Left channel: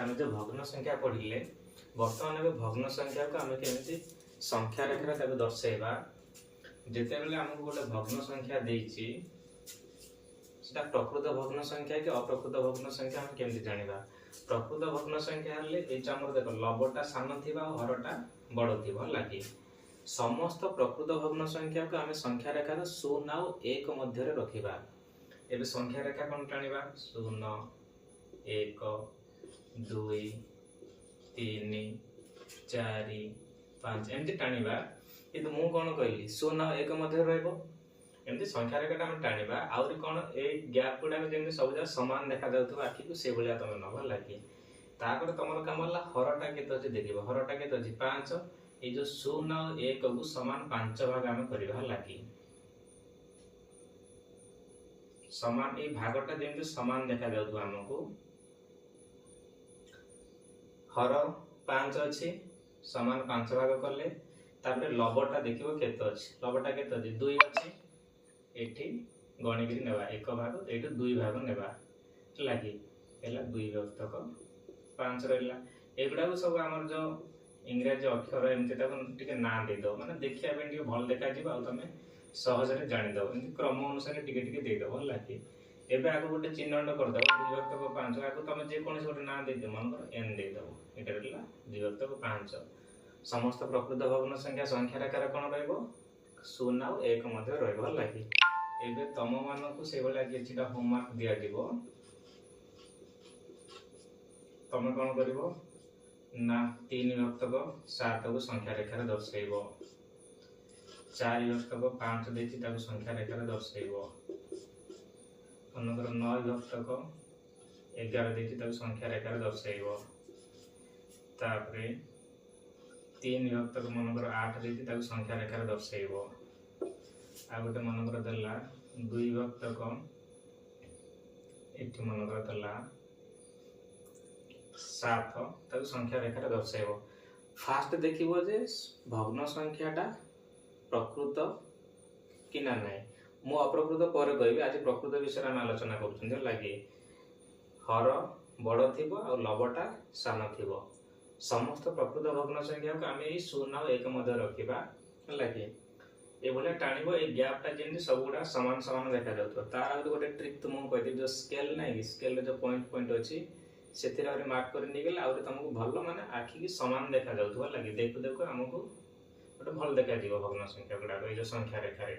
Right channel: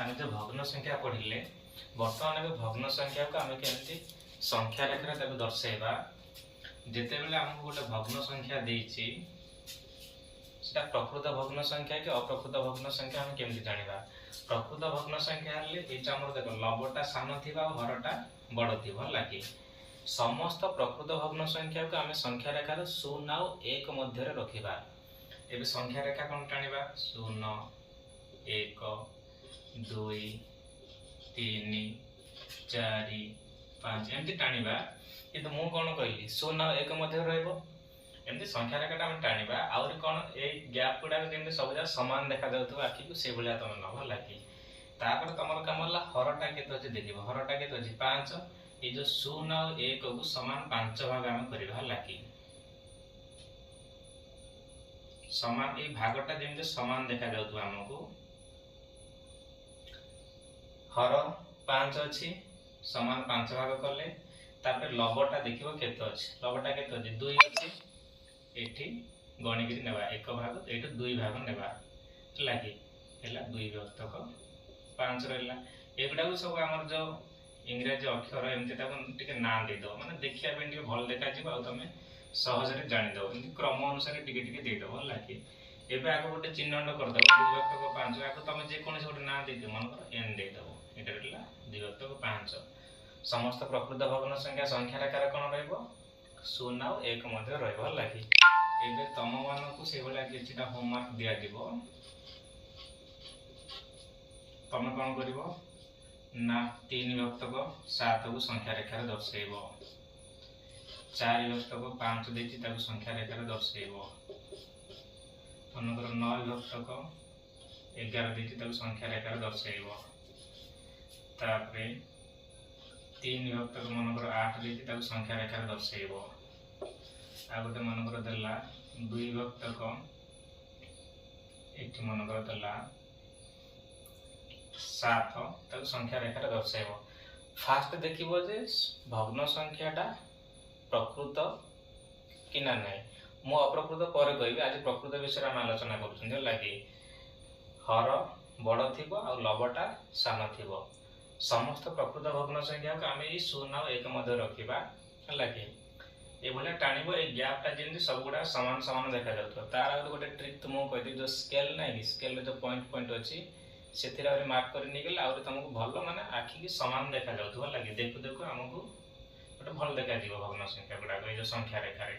आम जो भग्न संख्या पढ़िले बर्तमान ए भग्न संख्या को आम केमी संख्या रेखा दर्शेबा जिते बेले आमको गोटे भग्न संख्या देछि सेटा प्रकृत भग्न संख्या कि अप्रकृत भग्न संख्या आम केमी जानिबा। प्रकृत भग्न संख्या हेले एटा हमर देखो लबटा सान थिबा और हरटा बड़ थिबा लागी समस्त प्रकृत भग्न संख्या को आम संख्या रेखार 0 और 1 मध्य रखिबा। एबे संख्या रेखा कोन टानिबा 0 1 2 3 4 5 एमती टाणिबा किंतु मु कौन कहली 0 और 1 मध्य रहइबो एमती संख्या रेखाटा हम टाणिबा आउरी कौन ए गैप गुडा जेमती सब जा समान देखा जाउथबो आखि को से भलिया तम नबा लागी तापर तमर काम होला हरटा केते अछि देखिबो हरटा केते अछि 5 ए जो 0 और 1 को समान 5 भाग हम करबा लागी समान ए भागटा जेमती समान देखा जाउथबो हमकु हर 5 अछि समान 5 भाग कले तापर लबटा देखिबो केते अछि लबटा केते अछि 2 अछि एठी गणिगिरी नेबा 1 भाग एठी 2 भाग नेबा लागी हैला 2 व्यक्तक 5 रहला एगुडा को सब हमर जो इंग्रजी अक्षर एमती ताको टिके ना दे दो माने देखिया बेन टिके भल देखा जिबा आ तमे सहज रे जानि दो एमती क्रम अनुसार टिके टिके दे दो लागी एबे आगो गोटे चिन्हण कर दो 2 व्यक्तक 5 आगो तमे जे कोनसे गोटे ना दे दो मन कर एन दे दो एटा रहला 2 व्यक्तक 5 समस्त प्रकृत भग्न संख्या संख्या रेखार कोन रहइबो 0 और 1 मध्य रहइबो लागी एबे तम मानकु से बडा किछिटा होमवर्क दिया दिबो तमे कोन करिवो ना 3 व्यक्तक 7 को संख्या रेखार दर्शाइबो 4 व्यक्तक 5 देछि ताको संख्या रेखार दर्शाइबो मनकर 9 व्यक्तक 11 देछि ताको संख्या रेखार दर्शाइबो तापरे 3 व्यक्तक मनकर 8 देछि ताको संख्या रेखार दर्शाइबो आ गोटे मनकर देला 2 व्यक्तक एठी मनकर देला 7 ताको संख्या रेखार दर्शाइबो फास्ट देखिबो जे भग्न संख्याटा प्रकृत कि ना नाही मु अप्रकृत पर कहबी आज प्रकृत विषय हम आलोचना करूछन लागि हर बड़ थिबो आ लबटा सान थिबो समस्त प्रकृत भग्न संख्या को आम 0 और 1 मध्य रखा लगे ये टाणव ये गैपटा जमी सब गुड़ा सामान सामान देखा जाता तार गोटे ट्रिक तुमको कहती जो स्केल ना कि स्केल जो पॉइंट पॉइंट अच्छी से मार्क कर आगे तुमको भल माने आखि की सामान देखा जाऊँ लगे देखु देखु आमको गोटे भल देखा भग्न संख्या गुड़ाक ये जो संख्या रेखार